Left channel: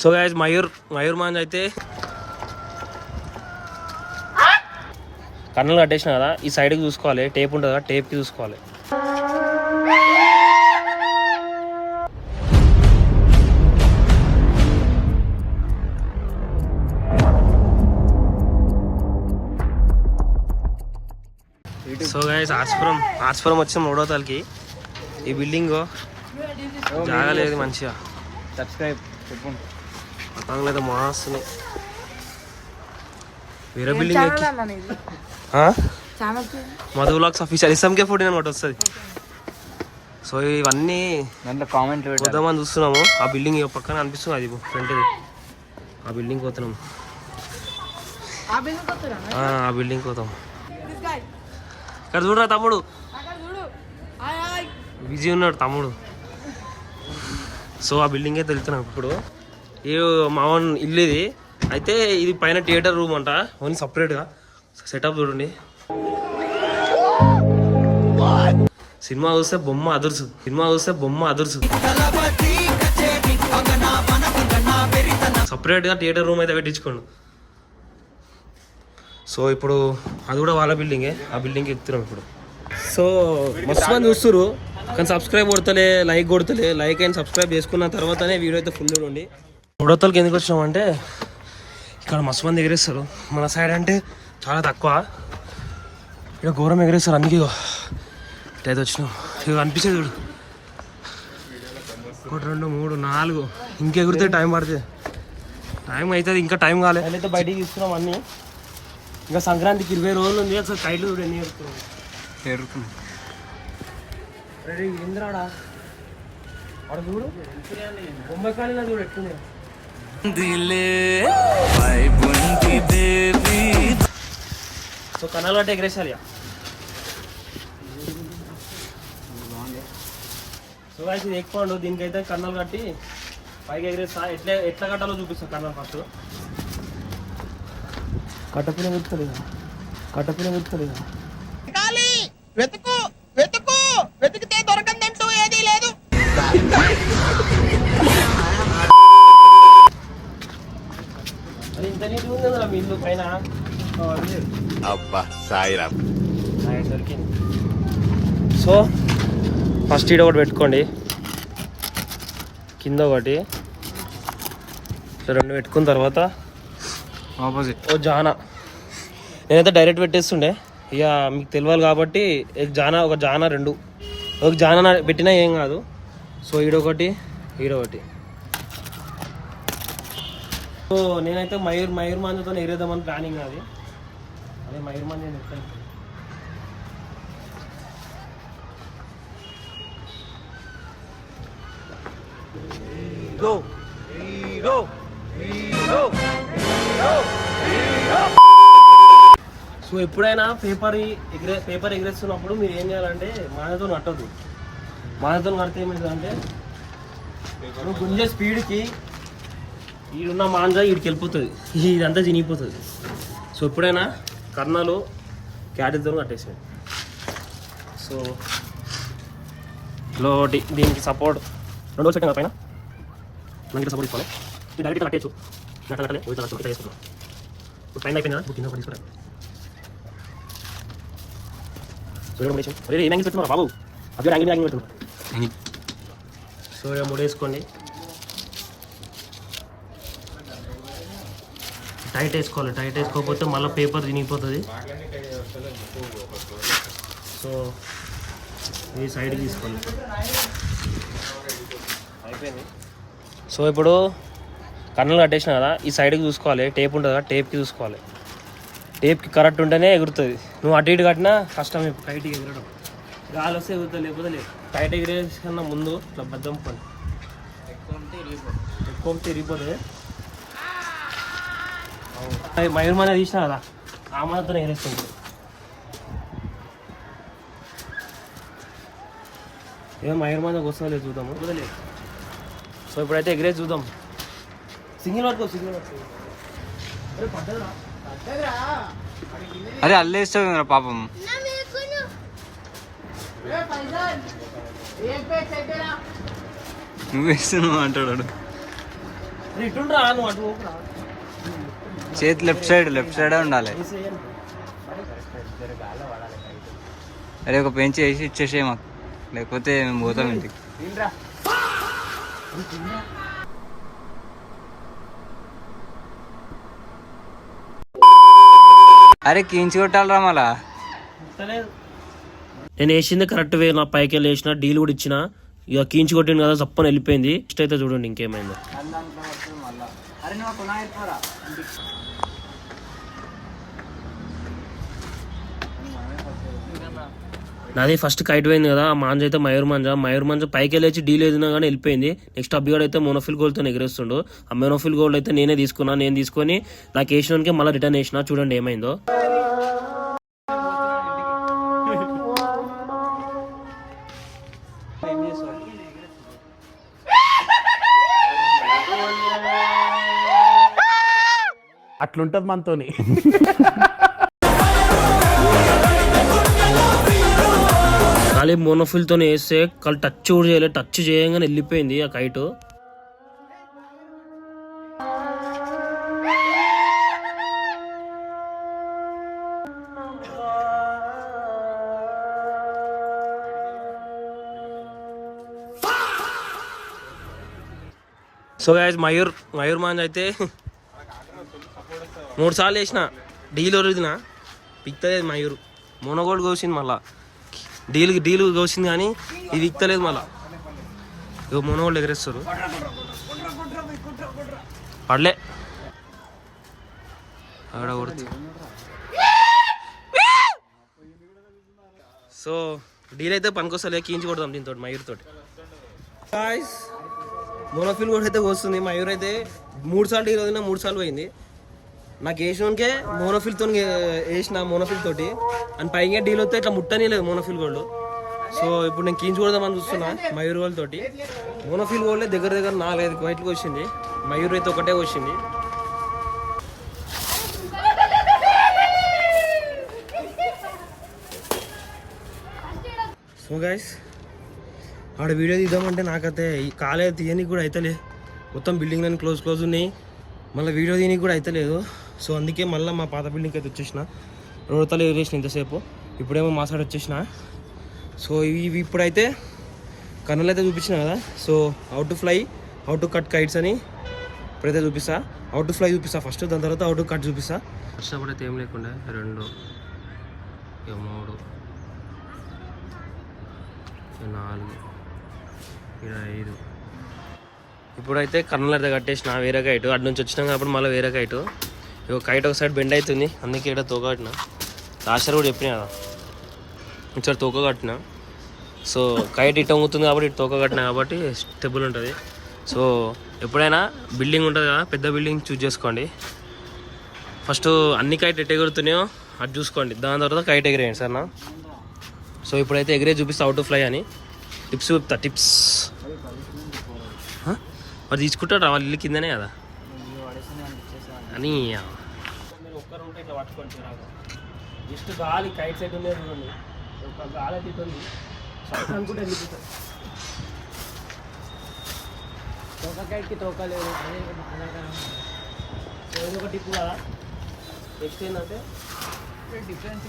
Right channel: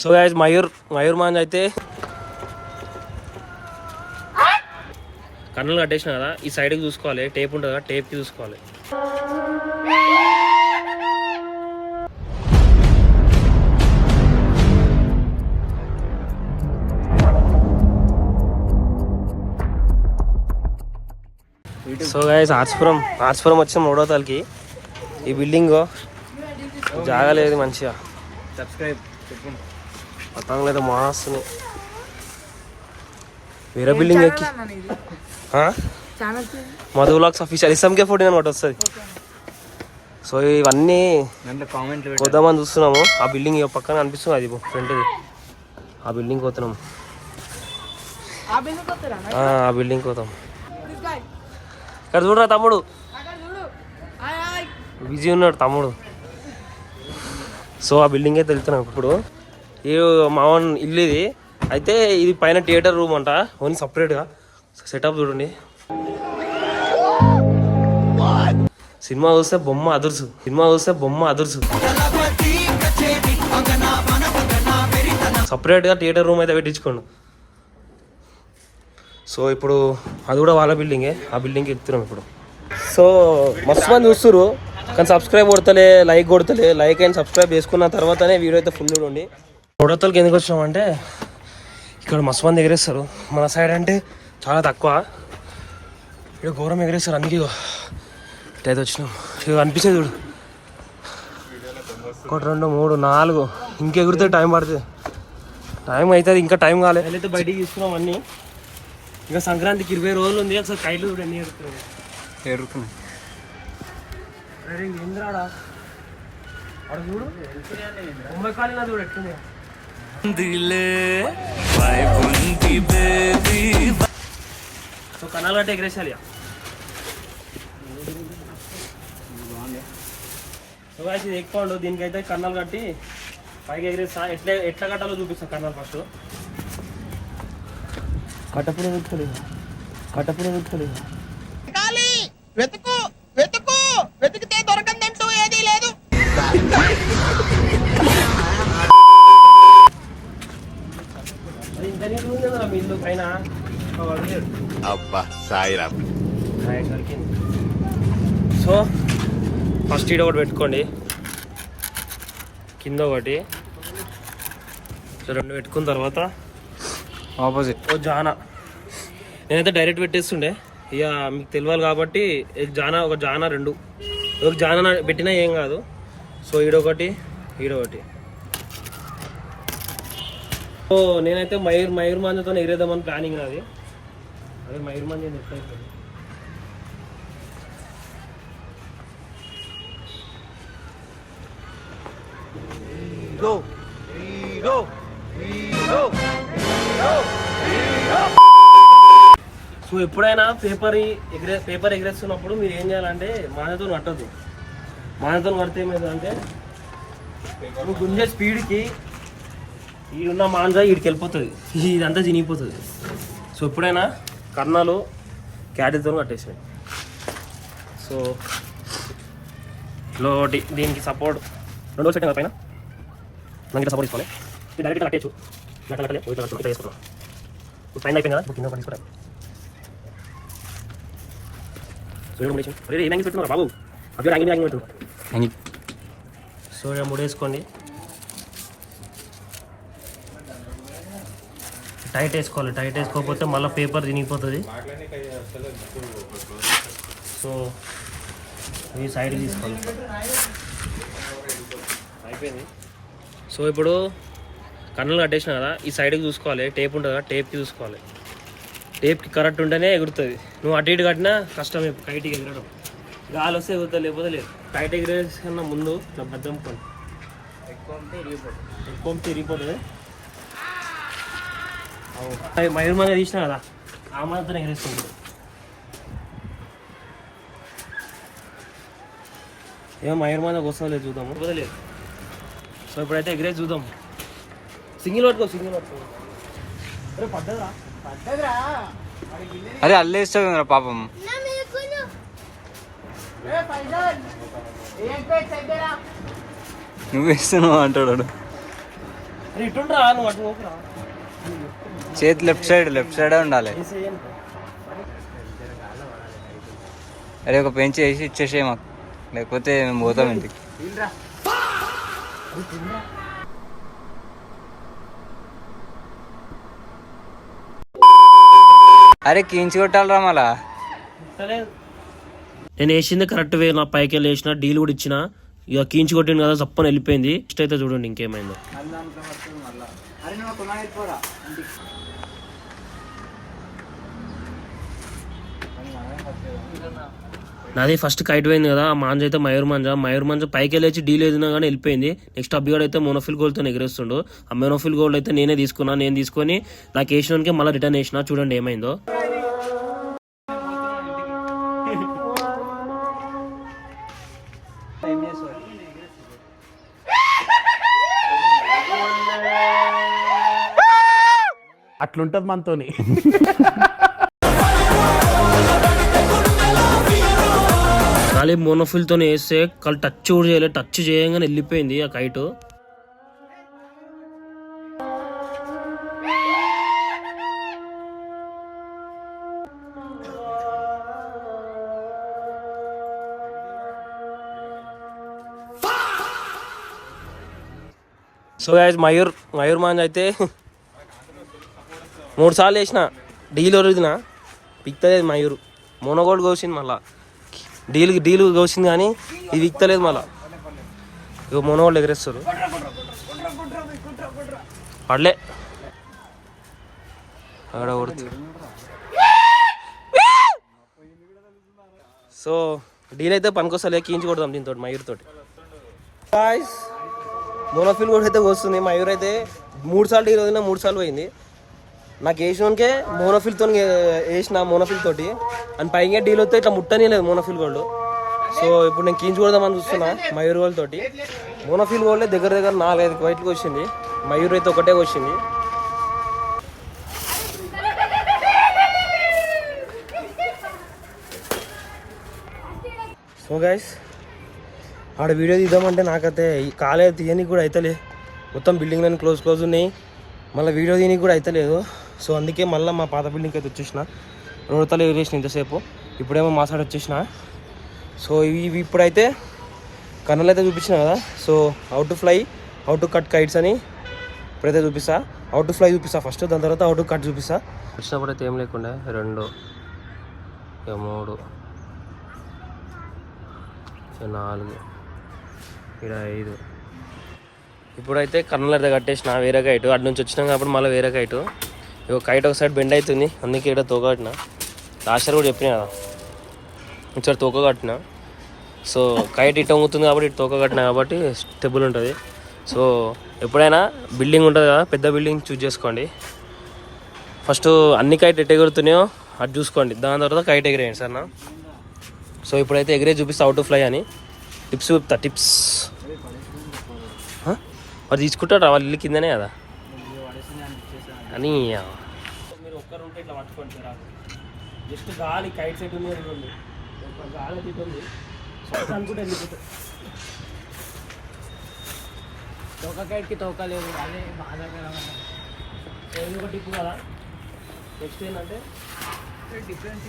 So guys Mayur మాంజ్ అయితే కన్నులు కట్టేసిన కదా, ఈ సైడ్కి చూసుకోవాలి, టేప్ ఉంటుంది కదా, టేప్కి చూసుకోవాలి. సో గైస్ ఆర్ట్స్పురం వచ్చాం 3వ తారీఖుకి. ఈ బిల్డింగ్ జాగలేదు మంచిగా, పతంగులు అయితే మాస్తున్నాయి. వేరే బిల్డింగ్ ఎక్కి మధు వ్లాగ్స్ అఫీషియల్ SMK 14 అనమాట వస్తుంది. సో ఇవన్నీ పోదామని చూస్తున్నాము. ఆ బిల్డింగ్ పక్కన అనిపిస్తుంది, అది ఫ్రంట్ది. ఆ బిల్డింగ్ పోతున్నాము, ఆ బిల్డింగ్ పోతాం. ఇక్కడ చూడరా తమ్ముడు, బిజీ ఉన్నాడు తమ్ముడు. సో ఆ బిల్డింగ్ అయితే వెళ్తున్నాం ఇప్పుడు. ఈ మావన్ ఇల్లు ఇది అయితే, ఇది పైన థియేటర్ రూమ్ అంట, ఓన్లీ సపరేట్గా సెటప్ చూడండి. సినిమా చూస్తే బొమ్మ అదుర్సు. సపరేట్గా థియేటర్ రూమ్ అయితే పెట్టించుకోండు. సో ఇప్పుడు అది కూడా వాళ్ళ బిల్డింగే, ఆ బిల్డింగ్కి ఎక్కుతున్నాం ఇప్పుడు. సో మస్తు మంది చూస్తున్నారు కానీ సబ్స్క్రైబ్ కొడతలే, లైక్ అండ్ సబ్స్క్రైబ్ చేసుకున్న తర్వాతనే వీడియో అయితే ఫుల్ చూడండి. 3వ తారీఖుకి ఎందుకు వచ్చినామంటే ఇక్కడ మస్తు మంది ఎగరేస్తారు. మన సైడ్ అంటే చాలా తక్కువ, ఇక్కడ ఘోరం ఎగరేస్తారు. అందుకే ఇటైతే వచ్చినాం. ఇక్కడ అనిపించేది చూడు, 1 2 3 4 ఇంకెగిరితే టైం పడుతుంది, టైం అవుతుంది, ఇంకా టైం కాలేదు. అయితే బయటికి తీసుకున్నాం అన్నీ. ఇంకా సంక్రాంతికి 20 రోజులు ఉంది. అసలు కైట్లు చూడు ఎన్ని ఎరుకున్నాయి. సో కన్నాలు కట్టి ఎగరేసాలి. సో గాయ్స్ ఇది ఎక్కువ దీనికైతే కన్నాలు కట్టి పైకి ఎగరేస్తా. ఎట్లా కట్టాలో చూపిస్తా. కన్నాలు ఫస్ట్ కట్టపున వెతుకలేదా వెతికితే దొరకందంటూ ఏదీ లేదు. ఇంత నీటి ఉంది కదా మీ ఇల్లు పైన. దొరికింది. సో ఫస్ట్ ఈడ ఒకటి పెట్టుకోండి, కింద ఒకటి. సో 2 పెట్టుకున్న తర్వాత ఆపోజిట్ జానా. నేనైతే డైరెక్ట్ పెట్టేస్తుండే, ఇక మీకు తెలియాలి కాబట్టి ఒక జానా 2 ఒక జానా పెట్టినా ఏం కాదు. సో ఈడొకటి. సో నేనైతే మయూర్ మాంజతో ఎగిరేద్దామని ప్లానింగ్ నాది. అదే మయూర్ మాంజ ఎట్లా అయిపోయింది. సో ఎప్పుడైనా పేపర్ ఎగరేస్తున్నప్పుడు మీరు ఏం చేయాలంటే మానతో కట్టద్దు. మానతో కడితే ఏమవుతుందంటే నువ్వు గుంజే స్పీడ్కి ఈడున్న మాంజ వీడికి వెళ్ళిపోతుంది, ఇదంతా చినిగిపోతుంది. సో ఎప్పుడైనా కర్ణాలు క్యాటిల్తో కట్టేసాయి. సో ఒకటి దీనికి సపోర్ట్ 2 సెకండ్ పైన నాకు సపోర్ట్ తీసుకోవాలి. డైరెక్ట్గా కట్టేచ్చు, కట్టలే ఇట్లా చేసుకుంటాం. ఇప్పుడు పైన అయిపోయింది కదా, కింద తీసుకోవడం. ఏం చెప్తున్నారు బాబు, అదే యాంగిల్ పెడుతున్నారు. సో ఇక ముడేసుకోండి, టైట్ వేసుకోవాలి. టైట్ వేసుకోకపోతే మళ్ళీ పేపర్ తినిగిపోతుంది. సో ఈ సైడ్ తీసుకోవాలి. అయిపోయింది. సో ఇప్పుడు కన్నులు కట్టేసిన కదా, ఈ సైడ్కి చూసుకోవాలి, టేప్ ఉంటుంది కదా, టేప్కి చూసుకోవాలి. టేప్కి కరెక్ట్ ఉంటేనే ఎగురుతుంది. నువ్వు అటు ఇటు కట్టినా కష్టమే టైట్గా ఎగరడం. గాలి వస్తే ఎగురుతుంది, లేకపోతే లేదు. టైట్ ఎగిరేసిన ముందు ఇట్లా బద్దం ఎక్కువ తిరిగిపోతుంది. మయూర్ మంది తీసినా కదా, ఆ మాత్రం ఎగరేస్తుంది. ఏమో మయూర్ మంది వస్తుందో లేదు చూద్దాము, లేకపోతే లేదు. సో ఇప్పుడైతే ఎగిరేసి చూద్దాం. సింగిల్ పట్టుకో. అరే పడ్డదిరా. అరే అల్లేస్తావు పాపం. నువ్వు వేస్తున్నావు అంటాడు. ఇటుండ్రా నువ్వు అటు పోకురా. చేతి లెఫ్ట్ సైడ్ ఉండాలి. అరే ఒక పెంచి వేసి ఇచ్చేసే మాకు, లేకపోతే మేము పోతాం ఇంటికి. అరే కీంచి కొట్టాలరా మళ్ళా. నేను వేసింది కరెక్ట్ వే, నా పైకి వెళ్ళి వేసిన డీల్ కూడా ఇచ్చిన. ఇక కీంచి కొట్టింది కదా చప్పని వెళ్ళిపోయింది. నెక్స్ట్ అయితే చూడండి ఇంకేమైందో. నాది ఫస్ట్ కైట్ పోయింది కదా, ఆ మాంజ అయితే మయూర్ మంజ పైకి వెళ్ళి డీల్ ఏదినా కానీ వెళ్ళిపోయింది. నెక్స్ట్ అబ్బిగాడు అయితే మోనోఫిల్ గోల్డ్తో ఎగిరేస్తుండు. ఆ మోనోఫిల్ గోల్డ్ అయితే నేనే తీసుకున్నా. నేను తీసుకొని నాకు వేసినాకే మళ్ళీ రిటర్న్ వేసిన. చూడండి ఏమైందో. అట్లుంటది మనతోని. ఖాళీ మోనోఫిల్తో వేస్తే కాళ్ళు టచ్ కూడా చేయలేదు. టచ్ చేయగానే వెళ్ళిపోయింది ఆ కైట్. సో గైస్ మయూర్ మాంజ్ అయితే 3 సార్లు వేసిన డీల్ ఒరిజిన పిక్తలేదు. మయూర్ మోనోగోల్డ్ కోసింది, మళ్ళా డీల్ కోసింది కానీ ఇది విక్తలేదు. మళ్ళా ఇక మోనోగోల్డ్ ఎగరేస్తారు. పడలే అక్కడ కొడుతుంది. సో డీల్ అయితే పనికొస్తలే, కీంచి కొడదాం దీంతో మయూర్ తోటి. మోనోఫిల్ కూడా అయితే వస్తుంది. మయూర్ అయితే 3 సార్లు డీల్ వదిలినా 3 సార్లు పోయింది. నాకు వేసినకే మోనోఫిల్తో వేసిన మోనోఫిల్ తోటి అని పైగా డీల్ వస్తే ఇట్లా ముట్టనే లేదు మోనోఫిల్ గోల్డ్. సో ఇప్పుడు నేను కీంచి కొడదామని చూస్తున్నా మయూర్ గోల్డ్ తోటి. మోనోఫిల్ గోల్డ్ దగ్గర 4-5 వైట్లకు వచ్చింది, మయూర్ అయితే ఒకటే వచ్చింది. సో గైస్ ఆడ వీడియో తీద్దామంటే నాకైతే ఈ కాలేజ్ తీయనికి కూడా అవుతలే. మొత్తం బిల్డింగ్ అని క్లోజ్ ఉన్నాయి, మళ్ళీ వీడియో తీయనికి కూడా అవుతలేదు. సో అందుకే మళ్ళీ మా పాత బిల్డింగ్కి అయితే వచ్చేసిన. రోడ్తలు ఎగిరేసిన ఇంతసేపు, ఇప్పుడేమో మా సైడ్ వచ్చేసిన. సో ఇవి ఇప్పుడైతే కన్నులు అయితే చూపించిన కదా. So how to fly, how to cut kites అని ఇప్పుడైతే చూపిస్తా. హౌ టు ఫ్లై చూపిస్తా ఫస్ట్, దాని తర్వాత హౌ టు కట్ చూపిస్తా. వచ్చినప్పుడు అయితే ఏం లేకుండా 2 3 4 5. ఇప్పుడైతే కన్నుల దగ్గర కట్టేసిన వేరే కైట్. అటు నుంచి వచ్చినాం కాబట్టి మళ్ళీ వేరే కైట్. ఇక కైట్ ఒక సైడ్ బెండ్ అవుతుంది, అందుకే ఇక్కడ తోక కట్టిన. లాస్ట్ కూడా చెప్పిన కదా ఇక్కడ తోక కట్టిన. సో కైట్ ఇటు వంగుతుంది కాబట్టి ఇటు తోక కట్టిన కాబట్టి స్టెబుల్ ఉంటుంది. సో ఎప్పుడైనా బిల్డింగ్ ఉంటుంది కదా, పెద్ద బిల్డింగ్ చూస్ చేసుకోండి. ఫస్ట్ అన్ని కైట్ ఎటు ఎగురుతున్నాయో అటు చూసుకోండి, దాని తర్వాత కైట్ ఎగిరేయండి సార్ నా. సో ఇప్పుడైతే ఎగిరే చూపిస్తా హౌ టు ఫ్లై అని. టిప్స్ చెప్తా, టిప్స్. మరి తీసుకుంటారా వాళ్ళ ఇల్లు కిందనే కదా అని. మీరు ఒక్కరు ఉంటే ఇట్లా పట్టుకోండి సార్. జస్ట్ గాలి కైట్ సెట్ ఉంది చూడండి, ఒక గాలి తీస్తుంది అనుకుంటే వెళ్ళిపోతుంది. తోకకైట్కి తోకలేవు, అది బాధాకరం. ఒక టిప్ కదా. నెక్స్ట్ ఏంటంటే డిఫరెంట్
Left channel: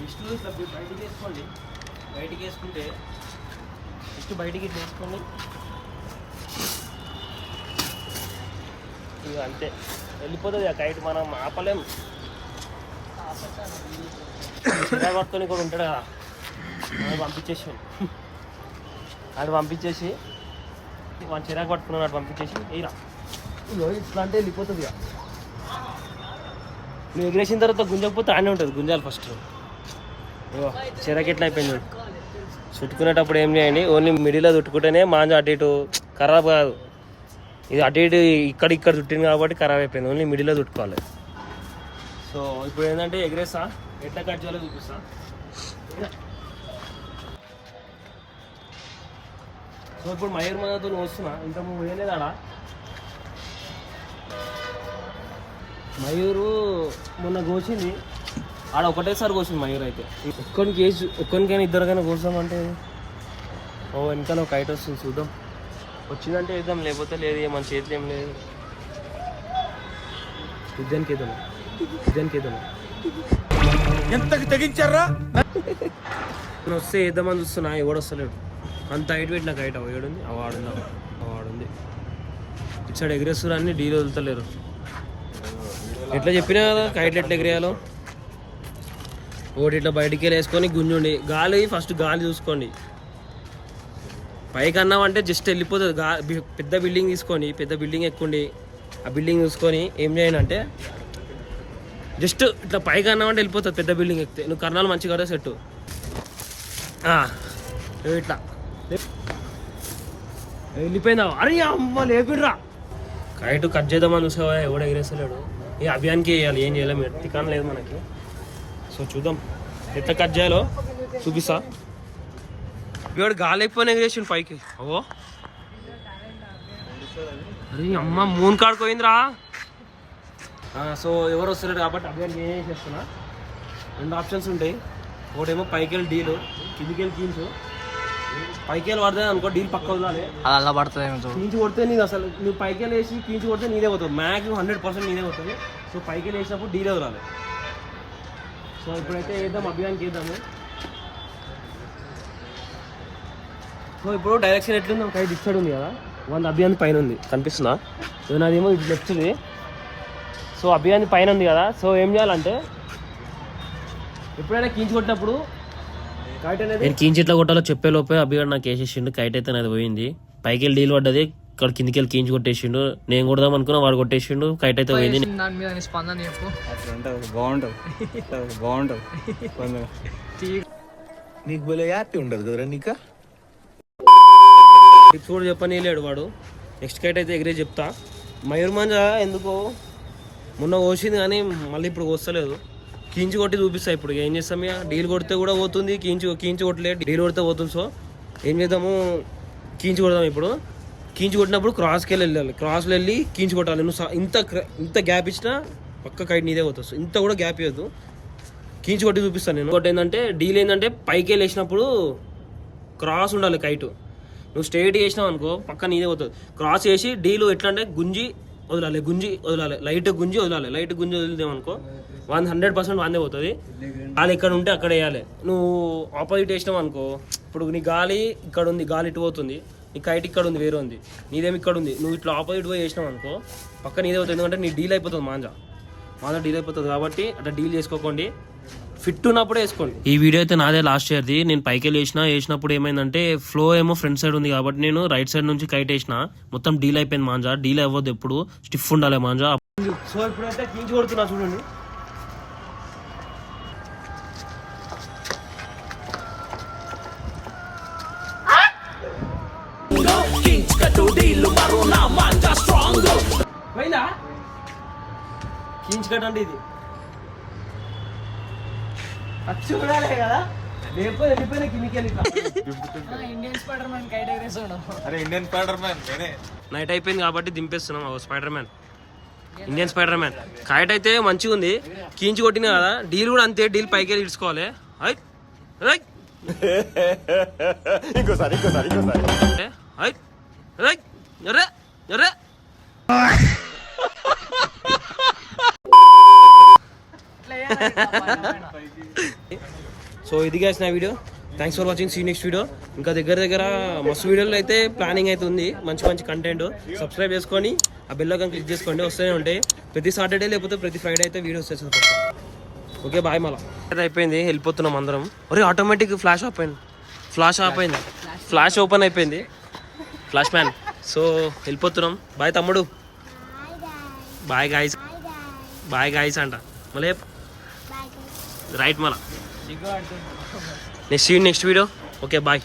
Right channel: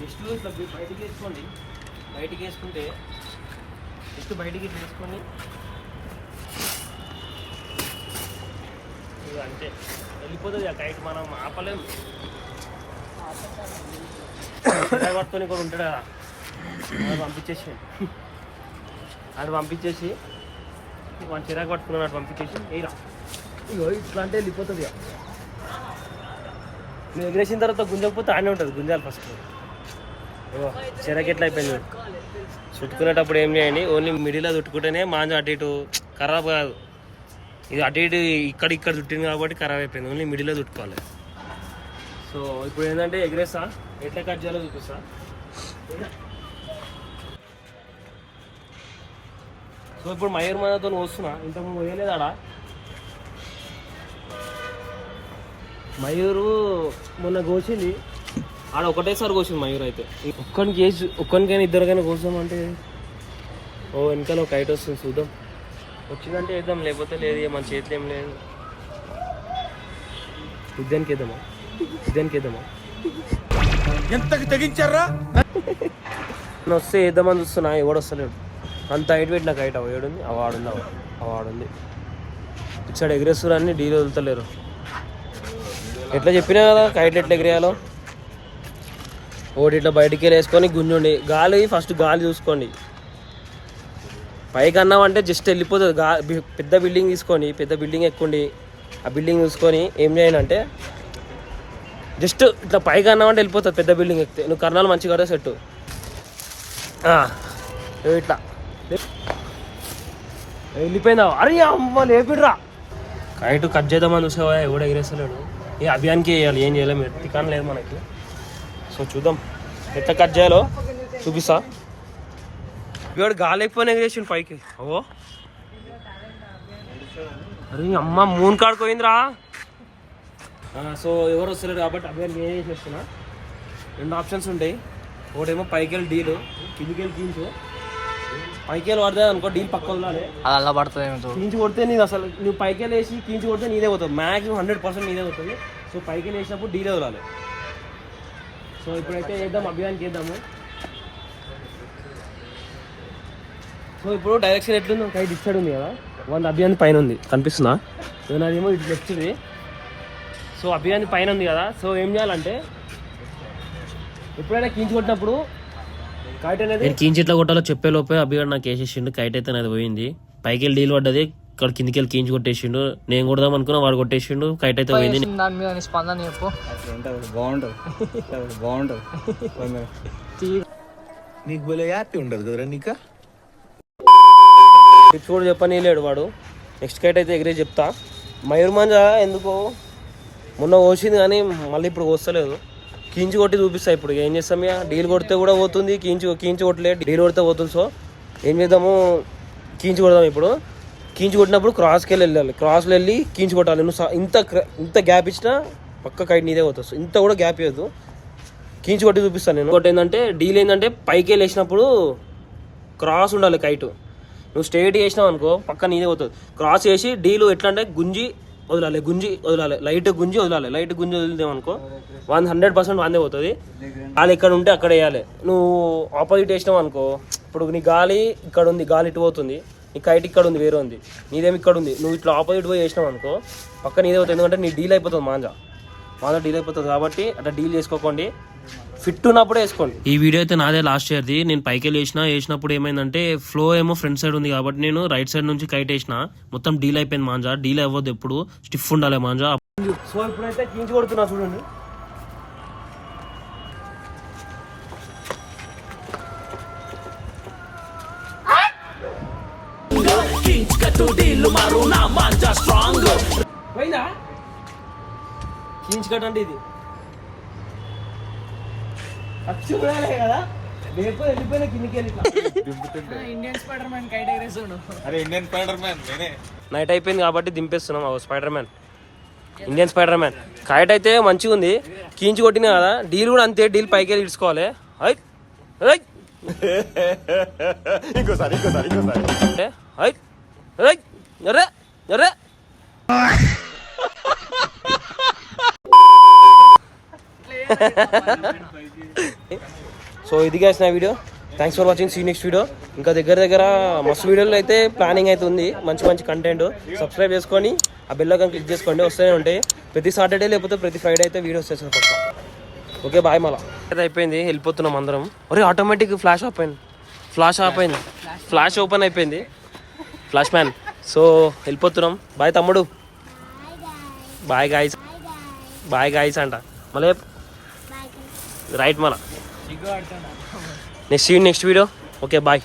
నెక్స్ట్ ఇట్లా బయటికి వేసుకోండి. బయటికి వేసుకుంటే నెక్స్ట్ బయటికి ఇట్లా వేసుకోండి. అంతే వెళ్ళిపోతుంది ఆ కైట్, మనం ఆపలేము. పట్టుకొని కూడా ఉంటాడు కదా, అది పంపించేసి మన చిరాకు పట్టుకున్నాడు, అటు పంపించేసి ఇలా ఇట్లా అంటే వెళ్ళిపోతుంది. నువ్వు ఎగిరేసిన తర్వాత గుంజకపోతే ఆనే ఉంటుంది, గుంజాలి ఫస్ట్. చిరాకు ఎట్లా అయిపోయింది. చుట్టుకునేటప్పుడు ఏం చేయండి, ఓన్లీ మిడిల్లో చుట్టుకుంటేనే మాంజ అటు ఇటు ఖరాబ్ కాదు. ఇది అటు ఇటు ఇక్కడ చుట్టింది కాబట్టి ఖరాబ్ అయిపోయింది, ఓన్లీ మిడిల్లో చుట్టుకోవాలి. సో ఇప్పుడు ఏంటంటే ఎగిరేస్తా, ఎట్లా కట్ చేయాలో చూపిస్తా. సో ఇప్పుడు మయూర్ మనతో వస్తున్నా, ఇంతకు వేయలేదు ఆడ. మయూరు మొన్న కోసింది ఆడ, ఒకటేసారి కోసింది మయూర్ అయితే. ఒక్కరికైనా 2కైనా కోసామంటే ఓ వెనకాల ఒక కైట్ వస్తుంది చూద్దాం. వచ్చిందంటే వేద్దాం, లేకపోతే లేదు. మన చేతిలో ఏం లేదు. ఉద్యానికి వేద్దామా? ఉద్యానికి వేద్దామా? ఎంతకు తెగించారా? నేను వస్తే వేద్దామని చూస్తున్నా, ఎవడు వస్తలేడు. అంత హైట్ పెట్టిన కైట్ ఏడుంది, అవాడుంది. ఇటు సైడ్ ఎగిరేస్తారు అన్ని డీలు వదులుతలేరు. ఎట్లా చెప్పినా కదా కైట్లు ఎట్లా ఎగిరేయాలో. ఒకటి ఇట్లా బయటికి వేసుకొని గుంజుండి ఫస్ట్ గాలి చూసుకోండి. పైకి అన్నామంటే జస్ట్ వెళ్ళిపోతుంది. పెద్ద బిల్డింగ్ తీసుకొని పెద్ద బిల్డింగ్ ఎక్కుండి ఆ బిల్డింగ్ చూసుకొని ఏం చేయండి అంటే జస్ట్ ఇట్లా పైకి అన్నామంటే వెళ్ళిపోతుంది. పెద్ద బిల్డింగ్ ఎక్కితే నువ్వు కర్ణాలు మంచిగా కదా సెట్టు ఇట్లా వెళ్ళిపోయిందా? అరే అమ్మ లేపిడ్రా. కైట్ కట్ చేద్దామని చూసావా, ఎవడు ఎగిరేస్తలేడు. ఈ అభియాన్కి వేయాలి, ఏం చేయలేము, ఎత్తికాన్ లేదు మనకి. సో చూద్దాం ఎట్లా కట్ చేయాలో చూపిస్తా. ఇవాడు గాలి అయిపోయినా ఎగిరేసిండు పైకి. ఓ అరే అమ్మ మూన్ కాడుకోయిందిరా. సో ఎవరు వస్తలేరు కాబట్టి అభియాన్కి ఏం చేస్తున్నా, 2 ఆప్షన్స్ ఉంటాయి. ఒకటేమో పైకి వెళ్ళి డీలు, కిందికి వెళ్ళి కీంచు. పైకి వెళ్ళి పడుతుంది అనుకో, డీల్ పక్క వదలాలి. అది అలా పడుతుంది. కీంచి కొడితే నీది అసలు నువ్వు పైకి వెళ్ళి వేసి కీంచి కొడితే నీదే పోతుంది. మ్యాక్సిమం 100% నీదే పోతుంది. సో పైకి వెళ్ళి వేసినప్పుడు డీలే వదలాలి. సో ఇప్పుడైతే వేద్దాం, అభియాన్కి వేద్దాము. సో ఇప్పుడు డైరెక్షన్ ఎట్లుంది, కైట్ ఇటు సైడ్ ఉంది కదా, 100 అభియాన్ పైన ఉంది కనిపిస్తుందా? నాదేమో ఇటు లెఫ్ట్ది. సో అభియాన్ పైన ఉంది కదా. సో ఏం చేయాలంటే ఎప్పుడైనా కీంచి కొట్టినప్పుడు కైట్ అనేది నేను కీంచి ఎట్లా కొట్టాలో చెప్పే లోపే అభియాన్ నాకు వేసేసిండు. కైట్ అయితే నాది పోయింది. పైకి వెళ్ళి డీల్ పడ్డది, ఇక్కడ కిందికి వెళ్ళి కీంచి కొట్టేసిండు. నేను కొడదాం అనుకున్నా, వాడు కొట్టేసిండు. కైట్ అయితే పోయింది. దాని మీద స్పందన చెప్పు. బాగుంటుంది. నీకు బోలే యాక్టి ఉండదు కదరా నీకా. టిప్స్ కూడా చెప్పనీయలేడు వాడు. నెక్స్ట్ కైట్ అయితే ఎగిరే చెప్తా. మయూర్మంజ ఎందుకో మొన్న కోసింది కానీ మళ్ళీ ఇప్పుడు కోస్తలేదు. కీంచి కొట్టి చూపిస్తా. ఇప్పుడు ఏం చేస్తాం, ఇక డీల్ కొడితే కూడా పోతుంది, కీంచి కొట్టలేదు, డీల్ కొడితే పోతుంది. సో ఏం చేద్దాము, కీంచి కొడదాం. ఇప్పుడు కీంచి కొట్టినప్పుడు క్రాస్కి వెళ్ళాలి, క్రాస్లో వెళ్ళి కీంచి కొట్టాలి. నువ్వు ఇంత గ్యాప్ ఇచ్చినా పక్క కైట్ నీదే పోతుంది. ఇంత కూడా గ్యాప్ ఇవ్వద్దు, కీంచి కొట్టి చూపిస్తాను నేను. ఇంకోటి ఏంటంటే డీల్ ఏంటంటే పైకి వెళ్ళి వేసినప్పుడు క్రాస్ ఉండాలి కైటు. నువ్వు స్ట్రైట్ చేసినావు అనుకో పక్క నీదే పోతుంది. క్రాస్ చేసి డీలు ఎట్లా అంటే గుంజి వదలాలి, లైట్ గుంజి వదిలేమనుకో 100% వాందే పోతుంది. వాళ్ళు ఎక్కడ ఉంటే అక్కడ వేయాలి. నువ్వు ఆపోజిట్ వేసినావు అనుకో, ఇప్పుడు నీ గాలి ఇక్కడ ఉంది, గాలి ఇటు పోతుంది, నీ కైట్ ఇక్కడ ఉంది, వేరే ఉంది, నీదేమి ఇక్కడ ఉంది. నువ్వు ఇట్లా ఆపోజిట్ పోయి వేసినావు అనుకో పక్క నీదే పోతుంది. ఎందుకంటే నీ డీల్ అయిపోతుంది, మాంజా డీల్ అయిపోతుంది. కాబట్టి అట్లా డీల్ చేసుకోకండి, ఫిట్ ఉన్నప్పుడే వేసుకోండి. ఈ వీడియో అయితే నాదే లాస్ట్ ఇయర్ది. నేను పైకి వెళ్ళి వేసినప్పుడు ఏమైందంటే ఫ్లో ఏమో ఫ్రంట్ సైడ్ ఉంది కాబట్టి నేను రైట్ సైడ్ నుంచి కైట్ వేసిన, మొత్తం డీల్ అయిపోయింది. మాంజా డీల్ అవ్వద్దు, ఎప్పుడు స్టిఫ్ ఉండాలి మాంజా. సో ఇప్పుడైతే కీంచి కొడుతున్నా చూడండి. పోయిందా కీంచి కట్ అంటే ఇది చూడాలి కదా, లేకపోతే వెళ్ళిపోయినా కిందికి వెళ్ళి. ఇండియన్ స్పైడర్ మ్యాన్ కైట్ ఎగరేసాడు. అరే ఇండియన్ స్పైడర్ మ్యాన్ నేనే. నైట్ అయిపోయింది కాబట్టి దింపేస్తున్నాం. Spider man, Indian spider man. Kite అయితే మంచిగా ఉంది, కీంచి కొట్టినా కదా. డీల్ కూడా అంతే, డీల్ పైకి వెళ్ళి ఇడుచుకోవాలి. ఇంకోసారి సో ఇది guys నా video. Thanks for watching. See next video. ఇంకా దగ్గర మస్తు వీడియోలు అయితే ప్లానింగ్ అయితే ఉంది, మంచి కంటెంట్. సబ్స్క్రైబ్ చేసుకొని ఆ బెల్ ఐకాన్ క్లిక్ చేసుకోండి, వస్తూనే ఉంటాయి. ప్రతి సాటర్డే లేకపోతే ప్రతి ఫ్రైడే అయితే వీడియో వస్తాయి పక్క. Okay bye. మళ్ళీ అయిపోయింది, వెళ్ళిపోతున్నాం అందరం. ఒరే ఆటోమేటిక్ ఫ్లాష్ ఓపెన్ అయిపోయింది, ఫ్లాష్ మ్యాన్. సో వెళ్ళిపోతున్నాం. బాయ్ తమ్ముడు, బాయ్ గాయస్ అంట మళ్ళీ రైట్. మళ్ళీ నెక్స్ట్ వీడియో. Okay bye.